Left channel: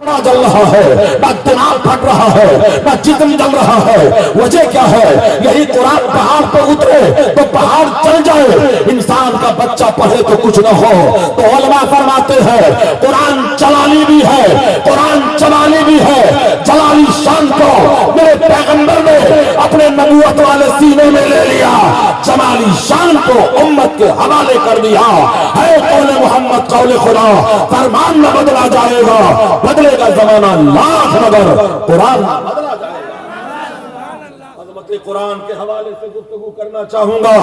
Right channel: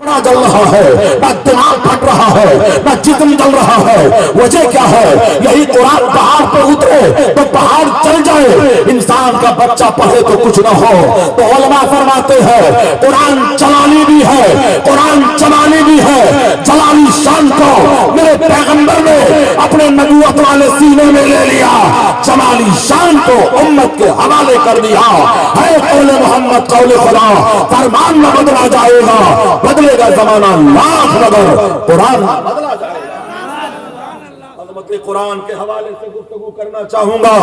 बड़ा जल रहा है, ना दिमाग फट रहा है, ना जिस्म जल रहा है। वजह क्या है? यही कुरान पहाड़ पे उतरे तो पहाड़ चल जाए। इंसान का बच्चा पढ़े तो कुछ न हो। तो उलमा फरमाते हैं कुरान जलाली भी है, कुरान जलाली भी है। जलाली शान को मेरे पैगंबर ने अपने नबूवत वाले सीने में ले लिया, जमाली शान को उम्मत के हवाले कर दिया है। कौले मोहम्मद कौले खुदा, फरमान न बदला जाएगा, बदलेगा जमाना लाख मगर कुरान बदला जाएगा। कुरान के हवाले से गुफ्तगू करना चाहूंगा।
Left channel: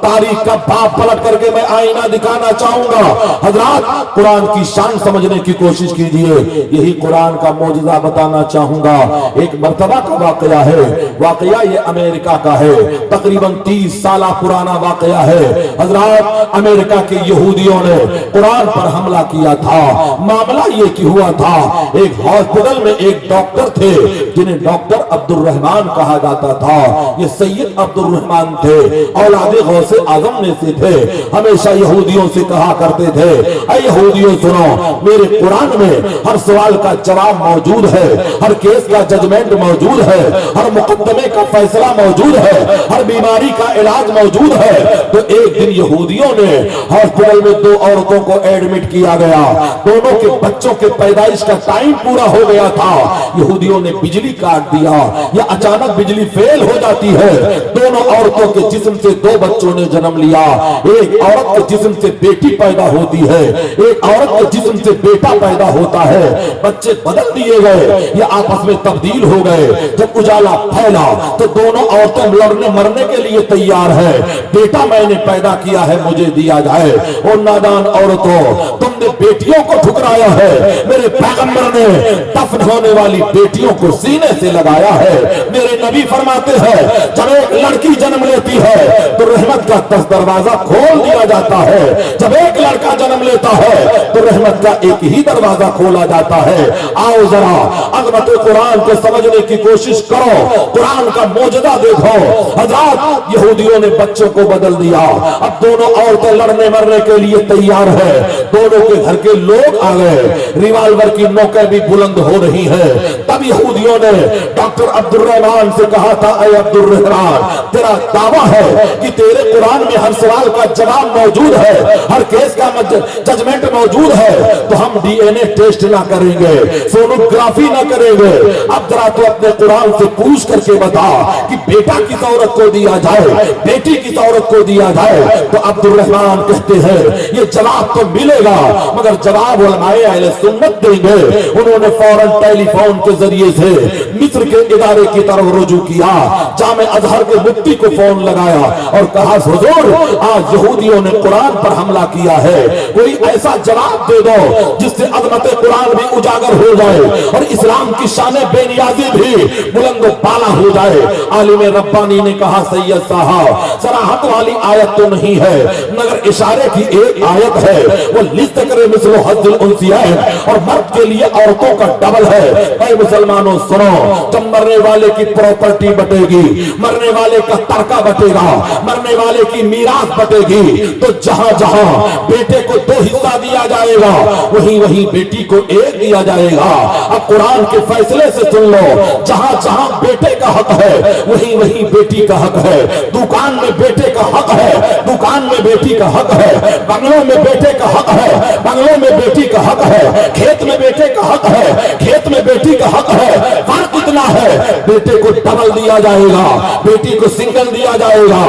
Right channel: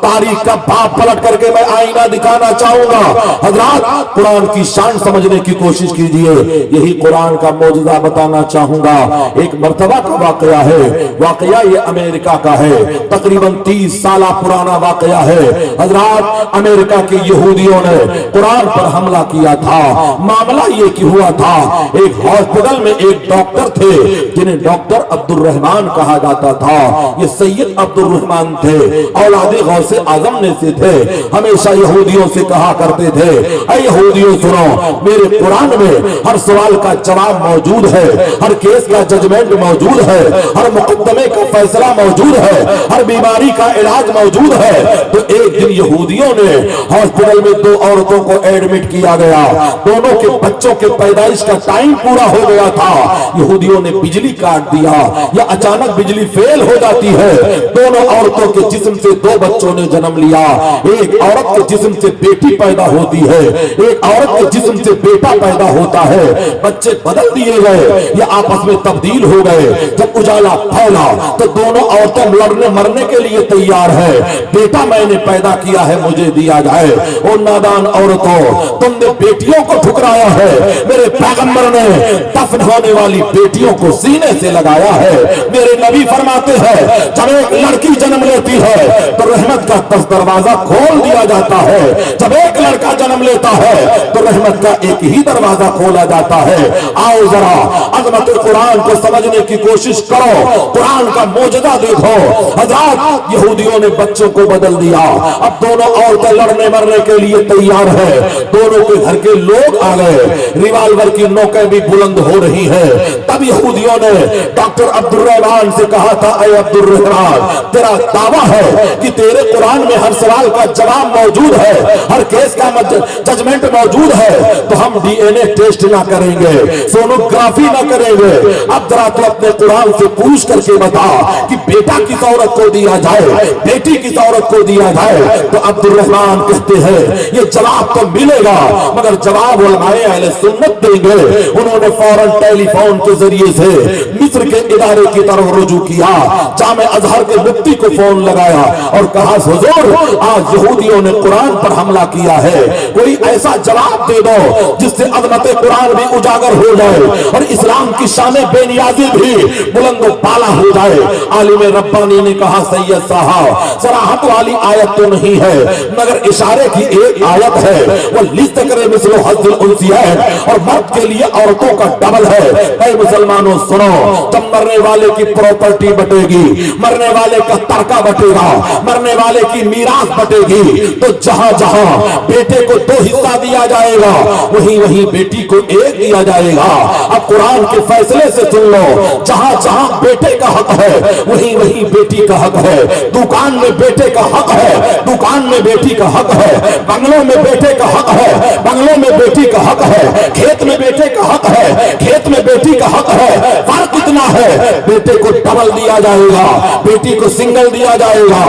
तारीख का बाप पलट करके मैं आईना दिखाना चाहूंगा। हजरात, कुरान की शान समझने की कोशिश कीजिए। यही कुरान का मौजूदा बताना चाहूंगा। एक मर्तबा का वाकया है। वाकया ये अमेरिका का है। तकरीबन 30 साल पुराना वाकया है। हजरात, अमेरिका के यहूदियों ने कुरान पर हमला किया था। मामला ये कि हुआ था, एक हॉस्पिटल में एक डॉक्टर थे जिन्हें डॉक्टर अब्दुल रहमान कहा जाता था। ये सैयद अब्दुल रहमान थे, औलादे गौसे आजम में से थे। हमेशा यहूदियों से कहा करते थे, ऐ यहूदियों सुनो, मेरे कुरान में हर सवाल का जवाब मौजूद है, हर केस का जजमेंट मौजूद है, हर मुकदमे का फैसला मौजूद है, हर बीमारी का इलाज मौजूद है। तो एक दिन यहूदियों ने हॉस्पिटल में 2 औरतों को एडमिट किया गया। दोनों के बच्चों के पैदाइश का टाइम पूरा हो गया था। यहूदियों ने बिजली काट दिया, या अचानक बिजली फेल हो जाती है। दोनों औरतों के जिस्म से 2 बच्चों ने जन्म लिया। एक औरत के जिस्म से बेटी पैदा होती है, एक औरत के जिस्म से बेटा पैदा होता है। बच्चे बदल दिए गए, ये आपस में तब्दील हो गए। जब उजाला फैला तो दोनों औरतें लड़ने मरने के लिए तैयार है। बेटा मैंने पैदा किया है, मुझे दिया जाए। ओ नादान औरतों, तुमने बेटियों को ठुकराया है। मेरे पैगंबर ने दफन होने वाली बेटियों को सीने से लगाया है। मेरे नबी फरमाते हैं, जब एक लड़की जन्म लेती है तो रहमत का 10 दरवाजा खोल दिया जाता है। जब एक लड़का जन्म लेता है तो रहमत का एक ही दरवाजा खोला जाता है। आओ जरा अज़मत कुरान को समझने की कोशिश करो, कुरान का मौजूदा देखो। हज़ार यहूदियों ने बच्चों को बदल दिया। अब दोनों औरतें लड़ने मरने के लिए तैयार है। दोनों के घर के लोग आ गए, रिवाल्वर की नोकें भी बुलंद हो रही है। तब यहूदियों ने डॉक्टर अब्दुल रहमान से कहा था, ऐ अब्दुल रहमान, तेरा दावा है कि तेरे कुरान में हर सवाल का जवाब मौजूद है, हर केस का जजमेंट मौजूद है, तो हम डीएनए टेस्ट ना करेंगे, सोनोग्राफी ना करेंगे। अब जरा तो अपने कुरान से पूछ करके बता कि बेटा किस औरत को दिया जाए, बेटी किस औरत को दिया जाए। तो अब्दुल रहमान कहते हैं ये जवाब तो मिलेगा, मगर जवाब उलमाए अहले सुन्नत देंगे। उन्होंने फौरन टेलीफोन के जरिए से मिस्र के इदारे की तरफ रुजू किया। जामे अजहर के मुफ्ती को फोन लगाया और कहा, हुजूर, आज यहूदियों ने कुरान पर हमला किया है, कोई ऐसा जवाब दे दो जिससे अज़मत कुरान भी उजागर हो जाए और इस्लाम की शान बेनियाजी भी बुलंद बाला हो जाए। आलिम रब्बानी ने कहा, सैयद साहब, सराहत वाली आयत तो नहीं है, मगर इशारे की एक आयत है, वो लिस्तकरे मिस्लो हज़्ज़ुल उन्सियैन, और मर्द के लिए औरतों का डबल है। ऐ मुसलमानों सुनो, जब मरने वाले की प्रॉपर्टी बटेगी, मरने वाले का तरका बटेगा, मरने वाले की मीरास बटेगी, तो जहां जहां बेटे को 2 हिस्सा दिया जाएगा, वहीं वहीं बेटी को 1 दिया जाएगा। अब कुरान के फैसले से सुन लो, जहां जहां बेटे का हक है, वहीं वहीं बेटी का हक है। दुकान में बेटे का हक है, दुकान में बेटी का हक है। बंगलों में बेटे का हक है, बंगलों में बेटी का हक है। खेत में बेटे का हक है, खेत में बेटी का हक है। फर्क इतना है, बेटे को डबल दिया जाएगा, बेटी को सिंगल दिया जाएगा।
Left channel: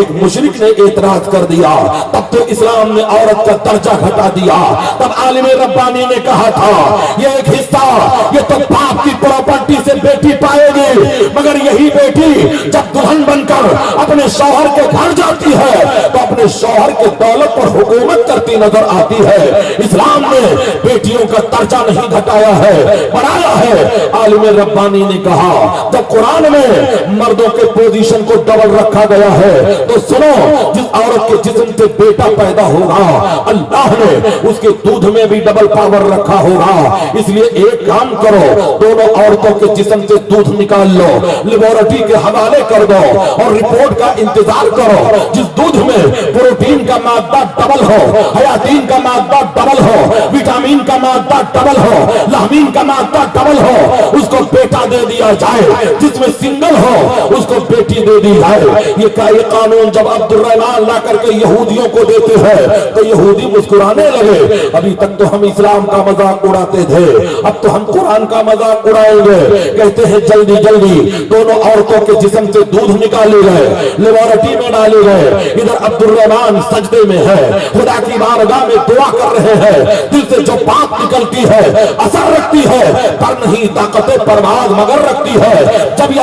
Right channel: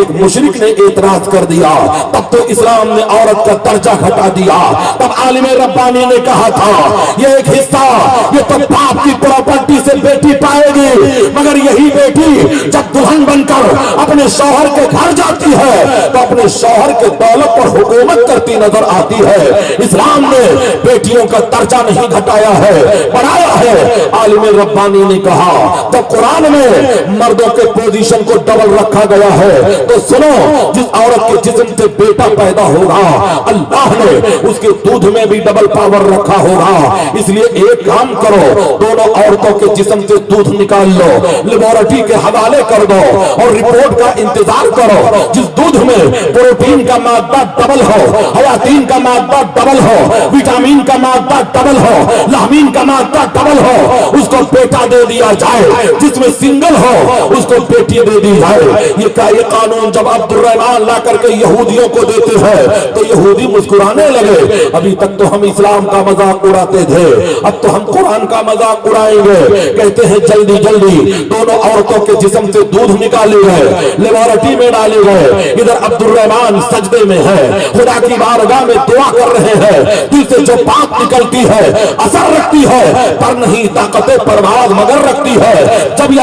एक मुशरिक ने एतराज कर दिया, तब तो इस्लाम ने औरत का दर्जा घटा दिया। तब आलिम रब्बानी ने कहा था, ये एक हिस्सा, ये तो बाप की प्रॉपर्टी से बेटी पाएगी, मगर यही बेटी जब दुल्हन बनकर अपने शौहर के घर जाती है तो अपने शौहर के दौलत पर हुकूमत करती नजर आती है। इस्लाम ने बेटियों का दर्जा नहीं घटाया है, बढ़ाया है। आलिम रब्बानी ने कहा, जब कुरान में मर्दों के पोजीशन को डबल रखा गया है, तो सुनो, जिस औरत के जिस्म से बेटा पैदा होगा, अल्लाह ने उसके दूध में भी डबल पावर रखा होगा। इसलिए एक काम करो, दोनों औरतों के जिस्म से दूध निकाल लो, लेबोरेटरी के हवाले कर दो और रिपोर्ट का इंतजार करो। जिस दूध में प्रोटीन का मादा डबल हो, हयातीन का मादा डबल हो, विटामिन विटामिन का मादा डबल हो, लामीन का मादा डबल हो, उसको बेटा दे दिया जाए, जिसमें सिंगल हो उसको बेटी दे दी जाए। ये कानून जब अब्दुर्रहमान ला करके यहूदियों को देते हैं तो यहूदी मुस्कुराने लगे। अभी तक तो हम इस्लाम का मजाक उड़ाते थे, अब तो हम कुरान का मजाक उड़ाएंगे। कहते हैं जल्दी जल्दी दोनों औरतों के जिस्म से दूध निकाले गए, लेबोरेटरी में डाले गए। इधर अब्दुर्रहमान सजदे में है, खुदा की बारगाह में दुआ कर रहे हैं। दिल से जो बात निकलती है असर रखती है, पर नहीं ताकत परवाज़ मगर रखती है। जब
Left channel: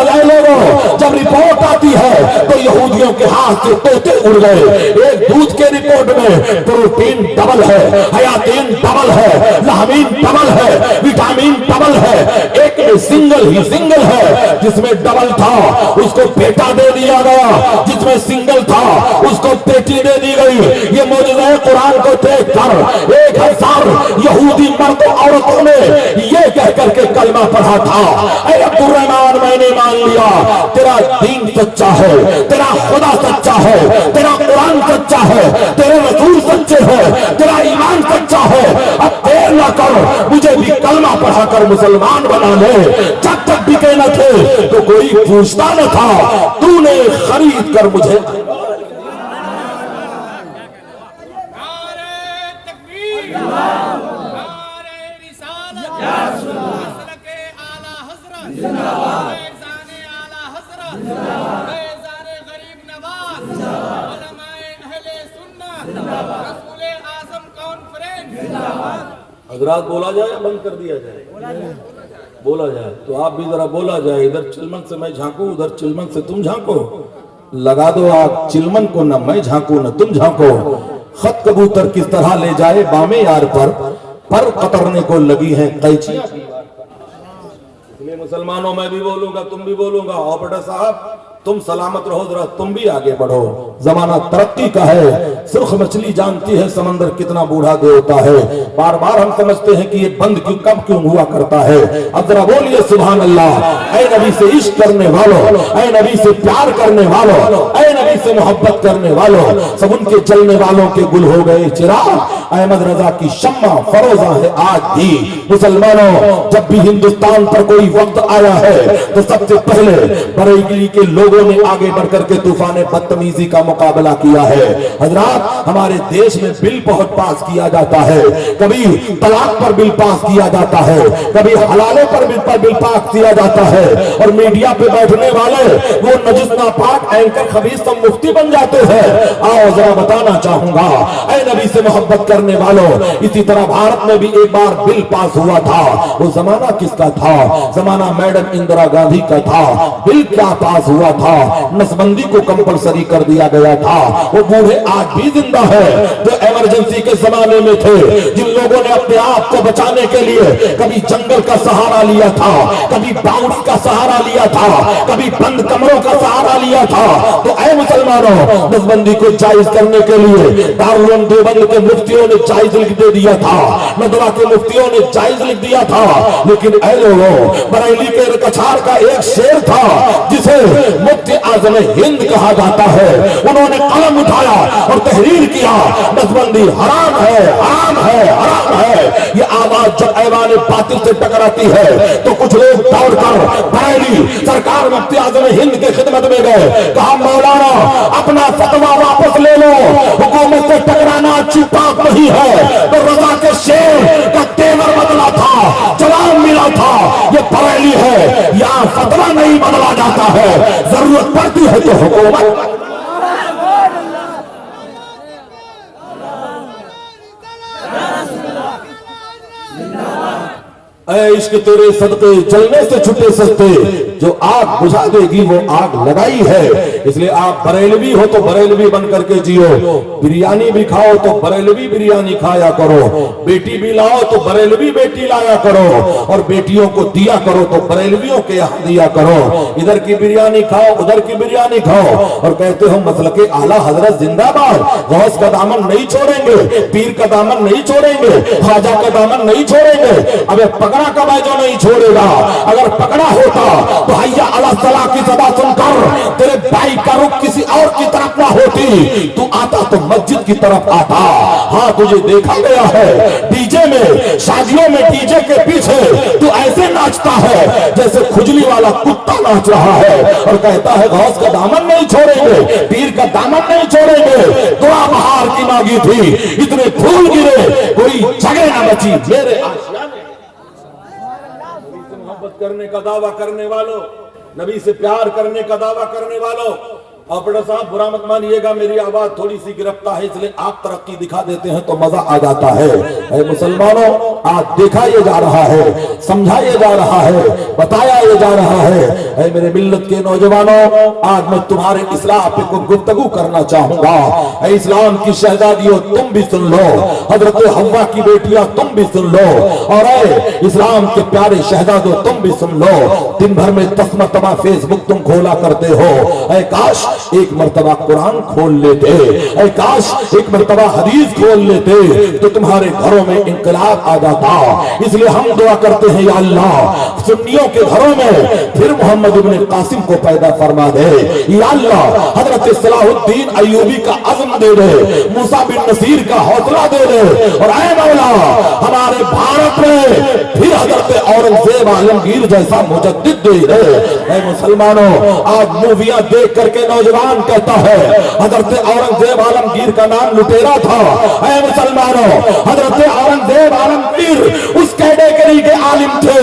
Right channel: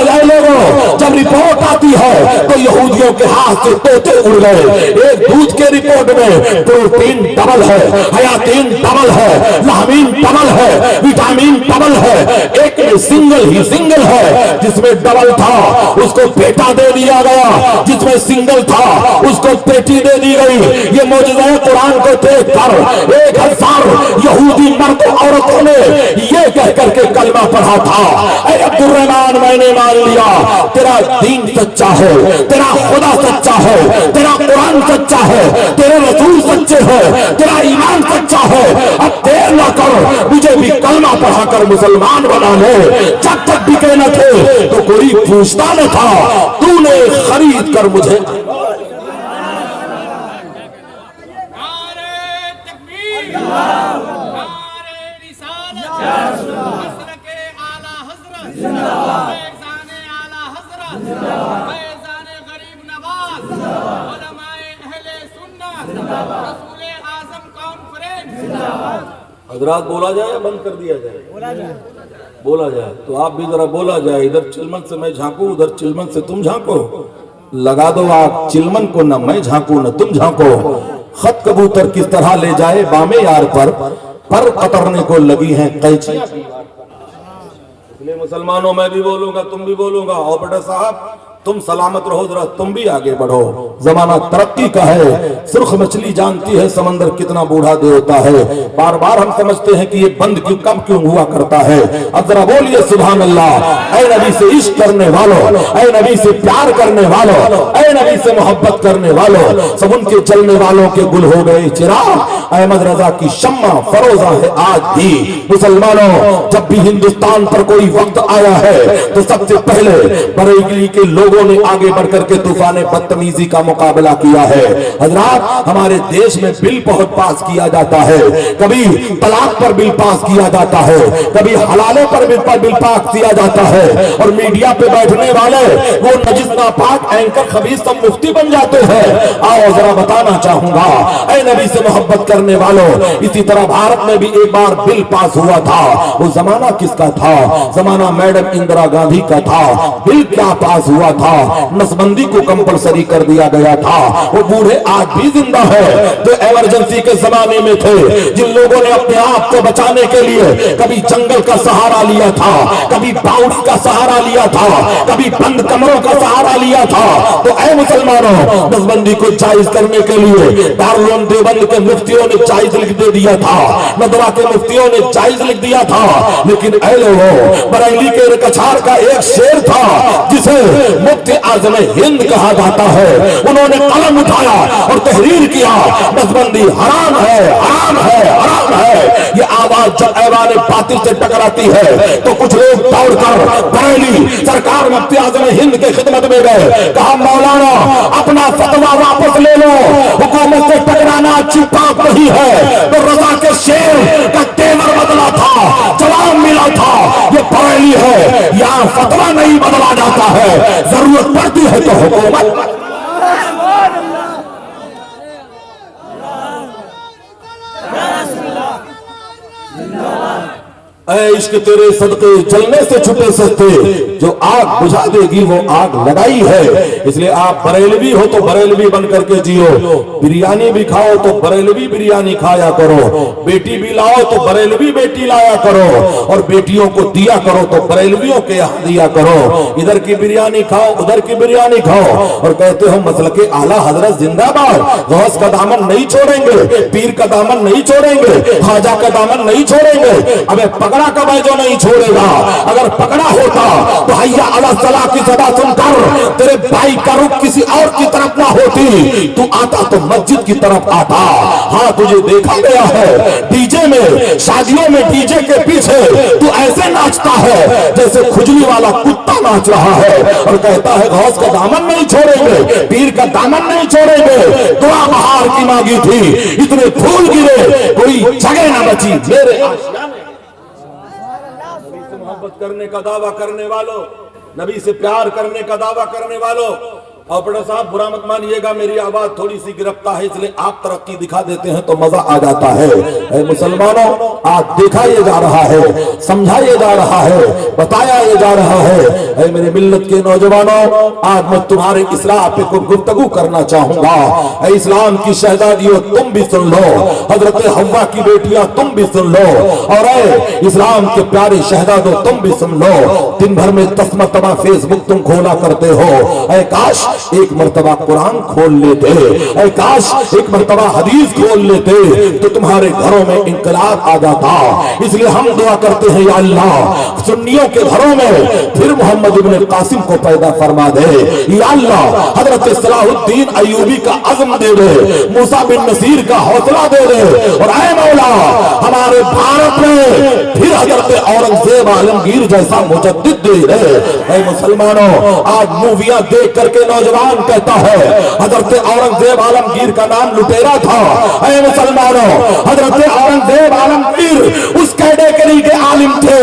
जब रिपोर्ट आती है तो यहूदियों के हाथ से तोते उड़ गए। एक दूध के रिपोर्ट में प्रोटीन डबल है, हयातीन डबल है, लामीन डबल है, विटामिन डबल है। एक में सिंगल है, जिसमें डबल था उसको बेटा दे दिया गया, जिसमें सिंगल था उसको बेटी दे दी गई। ये मौजूदा कुरान को देख कर 1000 यहूदी मर्द औरतों ने ये कह करके कलमा पढ़ा था, ऐ अब्दुर्रहमान मैंने मान लिया तेरा दीन सच्चा है, तेरा खुदा सच्चा है, तेरा कुरान सच्चा है, तेरे रसूल सच्चे हैं, तेरा ईमान सच्चा है। अब देर न कर, मुझे भी कलमा पढ़ाकर मुसलमान बना ले। जब तक बिके न थे तो कोई पूछता न था, तूने खरीद कर मुझे। हजरात बोला जाए, बंद कर दिया जाए? बोला जाए तो आप भी जरा बोला जाए। इधर चिलमन से मैं झांकू, उधर चिलमन से तुम झांको। लगा दो आग चिलमन को, न मैं झांकू न तुम झांको। खत कबूतर किस तरह ले जाए बामे यार पर कतरने को लगी हैं कैचियां। इसलिए मुसलमानों मैं भी बोलूंगा, तुम भी बोलूंगा, और बेटा साहब तुम सलामत रहो, जरा तुम भी आगे बढ़ो। जमाना तरक्की का है, सुर्ख मछली जानती है समंदर कितना बूढ़ा दे होता है। बार बार हम समझते हैं कि ये बंद क्यों कब क्यों हुआ करता है। अब जरा बोलिए सुभान अल्लाह। ऐ नबी से इश्क करने वालों, ऐ नबी से प्यार करने वालों, ऐ नबी से मोहब्बत करने वालों, सब उनके जलने वालों के गुल हो गए चिराग। अहमद रजा की शम्मा फरोजा है आज भी। मुसलमानों, जब भी हिंदुस्तान पर कोई वक्त आया है तो सबसे पहले बरेली के लोग ने आगे बढ़कर के तूफान बदतमीजी का मुकाबला किया है। हजरात, हमारे देश में बिल बहुत पास किया जाता है, कभी तलाक पर बिल पास किया जाता है, कभी हलाले पर बिल पास किया जाता है, और मीडिया पे बैठने वाले वो नजिस नापाक एंकर खबीस सब मुफ्ती बन जाते हैं। आओ जरा बताना चाहूंगा, ऐ नबी से मोहब्बत करने वालों, इसी तरह भारत में भी एक बार बिल पास हुआ था। वो जमाना किसका था? जमाना मैडम इंदिरा गांधी का था। बिल क्या पास हुआ था? नसबंदी को कंपलसरी कर दिया गया था। वो बूढ़े आज भी जिंदा है जो इमरजेंसी के जमाने में थे, जिन लोगों ने अपने आप को बचाने के लिए कभी जंगल का सहारा लिया था, कभी बाउंड्री का सहारा लिया था, कभी बंद कमरों का सहारा लिया था। तो ऐ मुसलमानों, नसबंदी को जायज करने के लिए दारुल देवबंद के मुफ्तियों ने जायज लिख दे दिया था, नदवा के मुफ्तियों ने जायज लिख दिया था। लेकिन ऐ लोगों, बरेली के कछार का एक शेर था जिसे मुफ्ती आज़म हिंद कहा जाता है। उन्होंने कलम उठाया और तहरीर किया, नसबंदी हराम है, हराम है, हराम है। ये आवाज जब ऐवान बातिल से टकराती है तो कुछ लोग दौड़कर बरेली सरकार मुफ्ती आज़म हिंद की खिदमत में गए। कहा मौलाना अपना फतवा वापस ले लो, हुकूमत से टकराना अच्छी बात नहीं है। तो रजा के शेर का तेवर बदला था, जवाब मिला था, ये बरेली है, यहाँ फतवा नहीं बदला जाता है, जरूरत पड़ती है तो हुकूमत। ऐ इश्क तेरे सदके जलने से छुटे सस्ते, जो आग बुझा देगी वो आग लगाई है। इसलिए आप बरेलवी हो तो बरेलवी बन करके जियो, बिरयानी भी खाओ तो बरेलवी बिरयानी खाया करो, बेटी भी लाओ तो बरेलवी बेटी लाया करो, और बेटियों को दिया करो तो बरेलवियों के यहाँ दिया करो। इधर की बिरयानी खाओ, उधर की बिरयानी खाओ, और कहते हो मसलके आला हजरत जिंदाबाद, गौस का दामन नहीं छोड़ेंगे, पीर का दामन नहीं छोड़ेंगे, ख्वाजा का दामन नहीं छोड़ेंगे। अबे पकड़ा कब जो नहीं छोड़ेगा। अगर पकड़ा होता तो हैया अला सलाह की सदा सुनकर तेरे भाई बाइक का रुख किसी और की तरफ ना होती, तू आता तो मस्जिद की तरफ आता। हाँ, तुझे देखा गया है डीजे में, शादियों में डीजे के पीछे तू ऐसे नाचता है जैसे खुजली वाला कुत्ता नाच रहा है, और कहता है गौस का दामन नहीं छोड़ेंगे, पीर का दामन नहीं छोड़ेंगे। दुआ बहार की मांगी थी, इतने फूल गिरे, कोई जगह ना बची मेरे आशियाने। नबी से मोहब्बत करने का दावा करने वालों, नबी से प्यार करने का दावा करने वालों, और बड़ा साहब बुरा मत मानिएगा, मेरी आवाज थोड़ी सी गिरफ्ता है, इसलिए आप तरक्की दिखा देते हैं तो मजा आ जाता है। ऐ मुसलमानों, आज दिखाया जा रहा है, समझाया जा रहा है, बताया जा रहा है। ऐ मेरे मिल्लत के नौजवानों, आज मैं तुम्हारे इस्लाम पे कुछ गुफ्तगू करना चाहूंगा। ऐ इस्लाम की शहजादियों, तुम भी सुन लो, हजरत हव्वा की बेटियां तुम भी सुन लो, और ऐ इस्लाम के प्यारे शहजादों तुम भी सुन लो। दिन भर में 10 मरतबा फेसबुक तुम खोला करते हो, ऐ काश एक मर्तबा कुरान खोल लेते, ऐ काश एक मर्तबा हदीस खोल लेते तो तुम्हारे घरों में इंकलाब आ जाता। इसलिए हम दुआ करते हैं, या अल्लाह सुन्नियों के घरों में फिर मोहम्मद इब्न कासिम को पैदा फरमा दे, या अल्लाह हजरत सलाहुद्दीन अय्यूबी का अज़्म दे दे, मूसा बिन नसीर का हौसला दे दे, और ऐ मौला हमारे भारत में फिर हजरत औरंगजेब आलमगीर जैसा मुजद्दिद दे दे। ऐ मुसलमानों, आज मूवियां देख करके नौजवान कहता है हजरत औरंगजेब आलमगीर का नाम लुटेरा था। ऐ मुसलमानों, हजरत औरंगजेब आलमगीर उस कैटेगरी के आलिम थे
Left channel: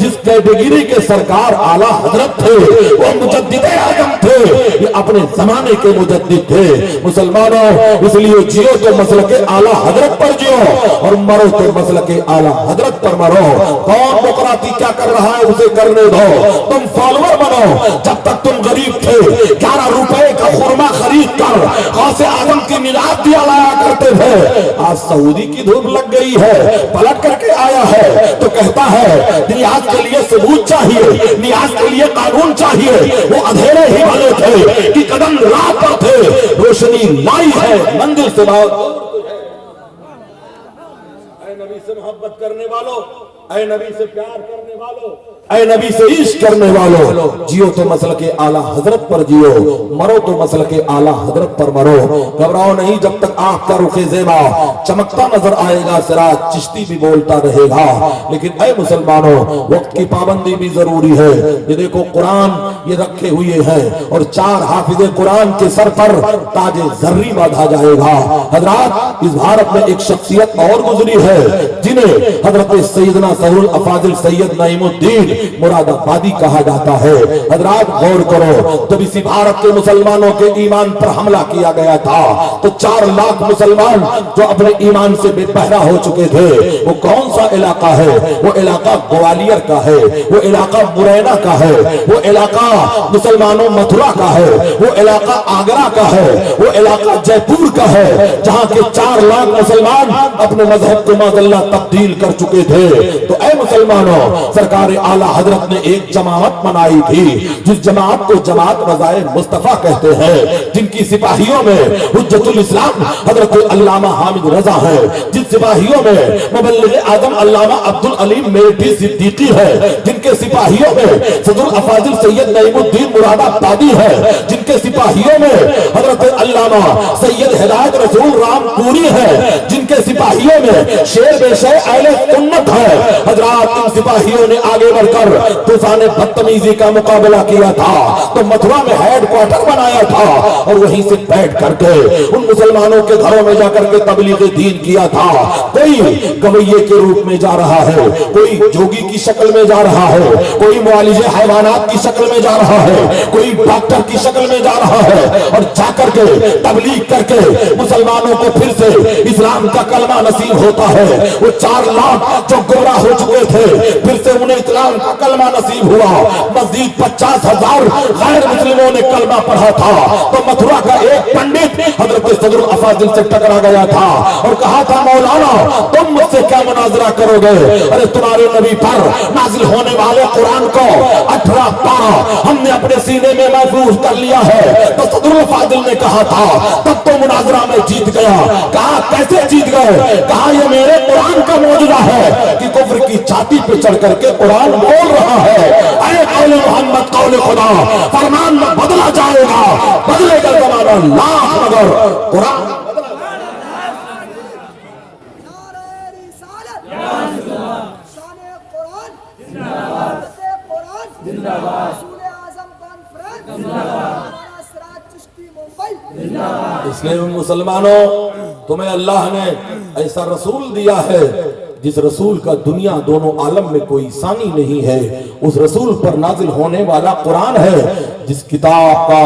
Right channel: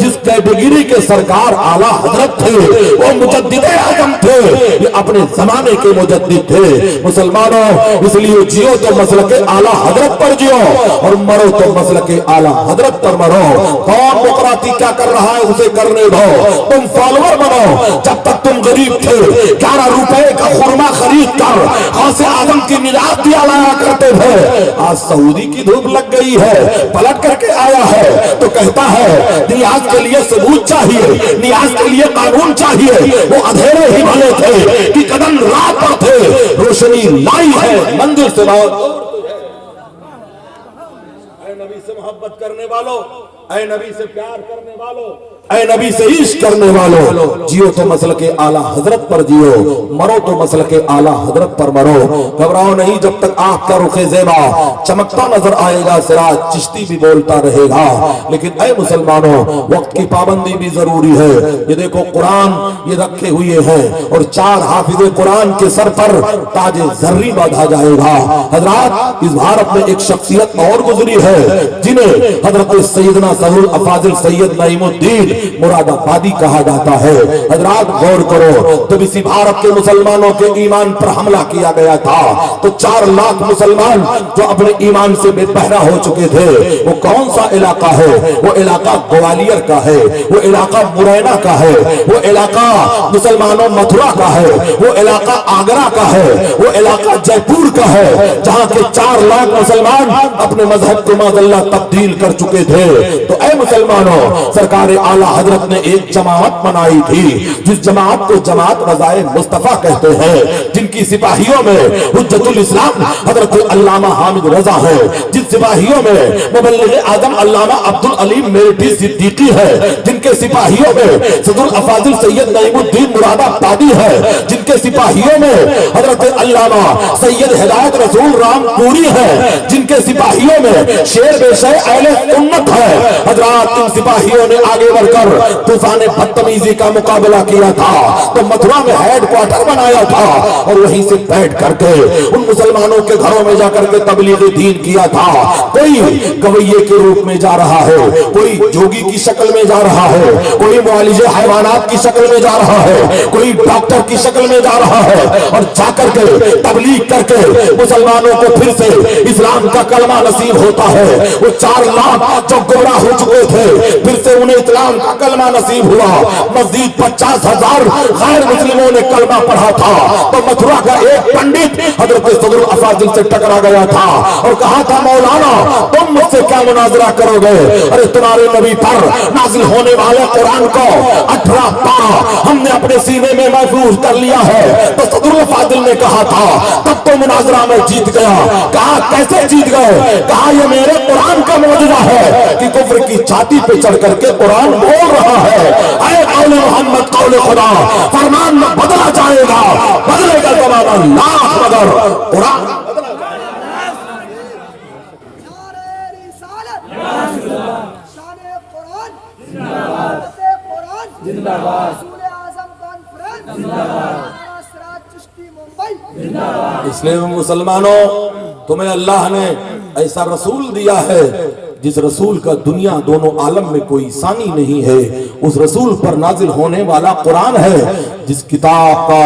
जिस कैटेगरी के सरकार आला हजरत थे, वो मुजद्दिद आजम थे, ये अपने जमाने के मुजद्दिद थे। मुसलमानों, इसलिए जियो तो मसलके आला हजरत पर जियो, और मरो तो मसलके आला हजरत पर मरो। कौन मुकराती क्या कर रहा है उसे करने दो, तुम फॉलोअर बनो। जब तक तुम गरीब थे 11 रुपए का खुरमा खरीद कर गौसे आजम की निजात दिया लाया करते थे, आज सऊदी की धूप लग गई है, पलट करके आया है तो कहता है नियाज के लिए सबूत चाहिए, नियाज के लिए कानून चाहिए। वो अंधेरे ही भले थे कि कदम रात पर थे, रोशनी लाई है मंदिर से नबी से मोहब्बत करने वालों, ऐ नबी से प्यार करने वालों, ऐ नबी से इश्क करने वालों, जियो तो मसलके आला हजरत पर जियो, मरो तो मसलके आला हजरत पर मरो। घबराओ नहीं, जब तक आंख का रुखे ज़ेबा चमकता नजर आएगा, सिराज चिश्ती भी बोलता रहेगा। लेकिन ऐ मुसलमानों, वक्त की पाबंदी भी जरूरी है। ये देखो कुरान ये रखे हुए हैं, और 4 हाफिज़े कुरान के सर पर ताजे जर्री बांधा जाएगा। हजरात, इस भारत में एक शख्सियत और गुजरी है जिन्हें हजरत सैयदना सदरुल अफाजिल सैयद नईमुद्दीन मुरादाबादी कहा जाता है। हजरात गौर करो, जब इसी भारत के मुसलमानों के ईमान पर हमला किया गया था तो 4 लाख मुसलमान जो अपने ईमान से बेपहरा हो चुके थे, वो कौन सा इलाका है? वो इलाका ग्वालियर का है, वो इलाका मुरैना का है, वो इलाका मुसलमानों मथुरा का है, वो इलाका आगरा का है, वो इलाका जयपुर का है, जहां के 4 लाख मुसलमान अपने मजहब को माज़अल्लाह तब्दील कर चुके थे। तो ऐ मुसलमानों, सरकार आला हजरत ने एक जमात बनाई थी, जिस जमात को जमात रज़ाए मुस्तफा कहते हैं, जिनकी सिपाहियों में हुज्जतुल इस्लाम हजरत अल्लामा हामिद रजा है, जिन सिपाहियों में मुबल्लिग़ आज़म अल्लामा अब्दुल अलीम मेरठी सिद्दीकी है, जिनके सिपाहियों में सदरुल अफाजिल सैयद नईमुद्दीन मुरादाबादी है, जिनके सिपाहियों में हजरत अल्लामा सैयद हिदायत रसूल रामपुरी है, जिनके सिपाहियों में शेर बेशे अहले सुन्नत है। हजरात, इन सिपाहियों ने आगे बढ़कर तूफान बदतमीजी का मुकाबला किया था, तो मथुरा में हेड क्वार्टर बनाया था, और वहीं से बैठ करके उन मुसलमानों के घरों में जाकर के तबलीग दीन किया था। कोई गवैये के रूप में जा रहा है, कोई जोगी की शक्ल में जा रहा है, कोई मुआलिजे हैवानात की शक्ल में जा रहा है, कोई डॉक्टर की शक्ल में जा रहा है, और जाकर के तबलीग करके मुसलमानों को फिर से इस्लाम का कलमा नसीब होता है। वो 4 लाख जो गुमराह हो चुके थे, फिर से उन्हें इस्लाम का कलमा नसीब हुआ। मजीद 50,000 गैर मुस्लिमों ने कलमा पढ़ा था। तो मथुरा का एक पंडित हजरत सदरुल अफाजिल से टकरा गया था और कहा था, मौलाना तुम मुझसे क्या मुनाजरा करोगे? अरे तुम्हारे नबी पर नाजिल होने वाले कुरान को 18 पारा हमने अपने सीने में महफूज कर लिया है। तो सदरुल अफाजिल ने कहा था, तब तो मुनाजरा में जीत गया। कहा कैसे जीत गया? गए, कहा ये मेरे कुरान का मौजूदा है कि कुफ्र की छाती पे चढ़ करके कुरान बोल रहा है, ऐ कौले मोहम्मद कौले खुदा, फरमान में बदला जाएगा, बदलेगा जमाना लाख मगर कुरान इसलिए मुसलमानों तुम्हें अल्लाह ने ऐसा रसूल दिया है जिस रसूल का दुनिया दोनों आलम में कोई सानी नहीं है, उस रसूल पर नाजिल होने वाला कुरान है जिस किताब का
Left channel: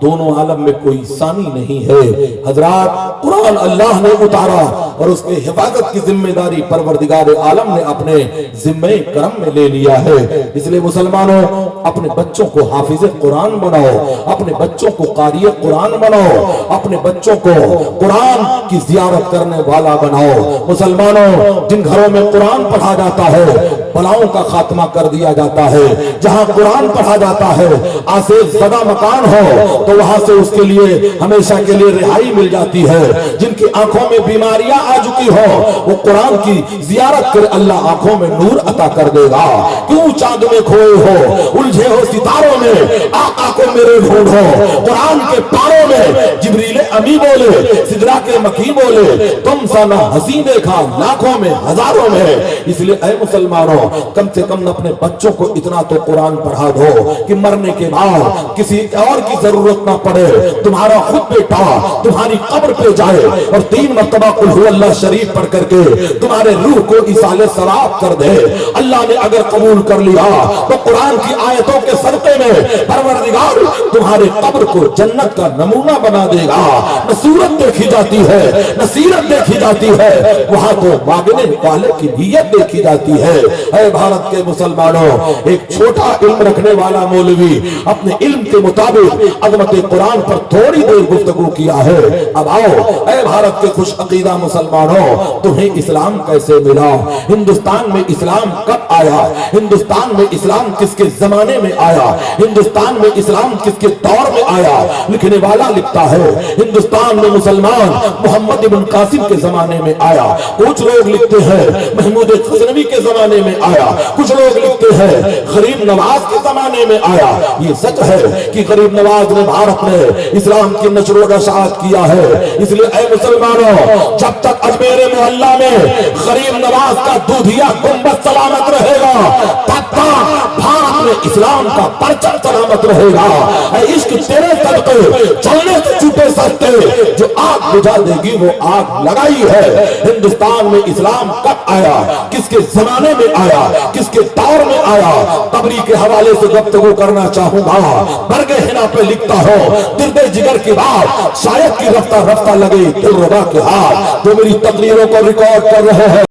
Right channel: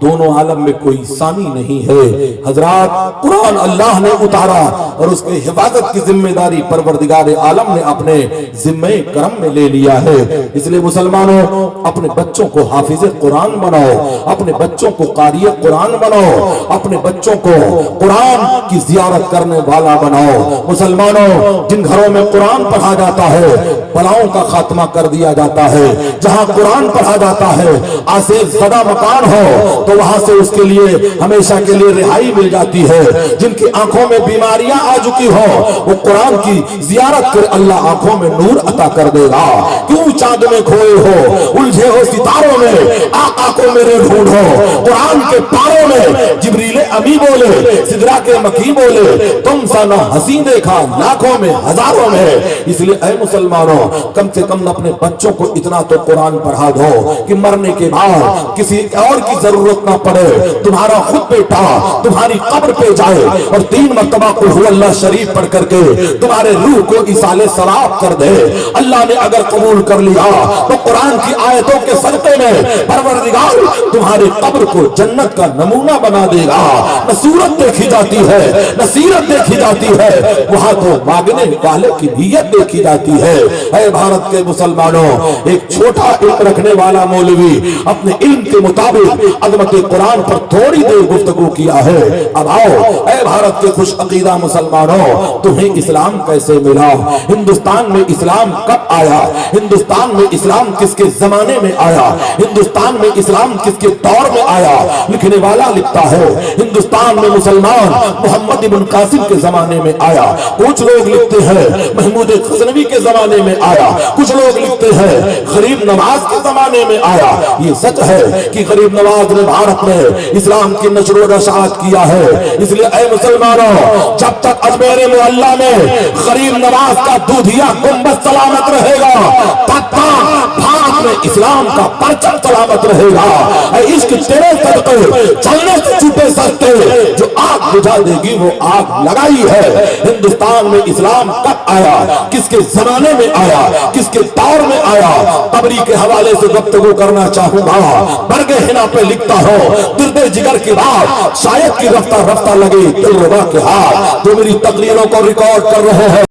दोनों आलम में कोई सानी नहीं है। हजरात, कुरान अल्लाह ने उतारा और उसके हिफाजत की जिम्मेदारी परवरदिगार आलम ने अपने जिम्मे करम में ले लिया है। इसलिए मुसलमानों अपने बच्चों को हाफिज कुरान बनाओ, अपने बच्चों को कारी कुरान बनाओ, अपने बच्चों को कुरान की जियारत करने वाला बनाओ। मुसलमानों जिन घरों में कुरान पढ़ा जाता है बलाओं का खात्मा कर दिया जाता है। जहां कुरान पढ़ा जाता है आसेज ज़दा मकान हो तो वहां से उसके लिए हमेशा के लिए रिहाई मिल जाती है। जिनकी आंखों में बीमारियां आ चुकी हो वो कुरान की जियारत कर अल्लाह आंखों में नूर अता कर देगा। क्यों चांद में खोए हो, उलझे हो सितारों में, आका को मेरे ढूंढो। कुरान के पारों में जिब्रील अमी बोले, सिदरा के मकी बोले, तुम सा ना हसी देखा लाखों में हजारों में। इसलिए ऐ मुसलमानों कम से कम अपने बच्चों को इतना तो कुरान पढ़ा दो कि मरने के बाद किसी और की जरूरत ना पड़े, तुम्हारा खुद बेटा तुम्हारी कब्र पे जाए और 3 मरतबा कुल हु अल्लाह शरीफ पढ़ करके तुम्हारे रूह को इसाले सराब कर दे। अल्लाह ने अगर कबूल कर लिया तो कुरान की आयतों के सदके में परवरदिगार तुम्हारे कब्र को जन्नत का नमूना बना देगा। न सूरत देखी जाती है न सीरत देखी जाती है, वहां तो मांगने वाले की नीयत देखी जाती है। ऐ भारत के मुसलमानों, एक छोटा इल्म रखने वाला मौलवी अपने इल्म के मुताबिक अज़मत कुरान पर थोड़ी देर गुफ्तगू किया है। अब आओ ऐ भारत के खुश अकीदा मुसलमानों, तुम्हें इस्लाम कैसे मिला? हिंदुस्तान में इस्लाम कब आया? हिंदुस्तान में इस्लाम किसके जमाने में आया? हिंदुस्तान में इस्लाम किसके दौर में आया? लिखने वाला लिखता है हिंदुस्तान में मुसलमान मोहम्मद इब्न कासिम के जमाने में आया। कुछ लोग लिखते हैं महमूद गजनवी के जमाने में आया, कुछ लोग लिखते हैं गरीब नवाज के जमाने में आया। ये सच है कि गरीब नवाज ने भारत में इस्लाम की नशर व इशाअत किया है। इसलिए ऐ मुसलमानों, जब तक अजमेर मोहल्ला में गरीब नवाज का दूधिया गुंबद सलामत रहेगा तब तक भारत में इस्लाम का परचम सलामत रहेगा। इश्क तेरे सदके चलने से छूटे सस्ते, जो आग बुझा देगी वो आग लगाई है। हिंदुस्तान में इस्लाम कब आया, किसके जमाने में आया, किसके दौर में आया? तबरी के हवाले से गुफ्तगू करना चाहूंगा। बरगे हिना पे लिखता हो दिर्दे जिगर की बात, शायद की रफ्ता रफ्ता लगे दिलरुबा के हाथ। जो मेरी तकरीरों को रिकॉर्ड कर रहे हैं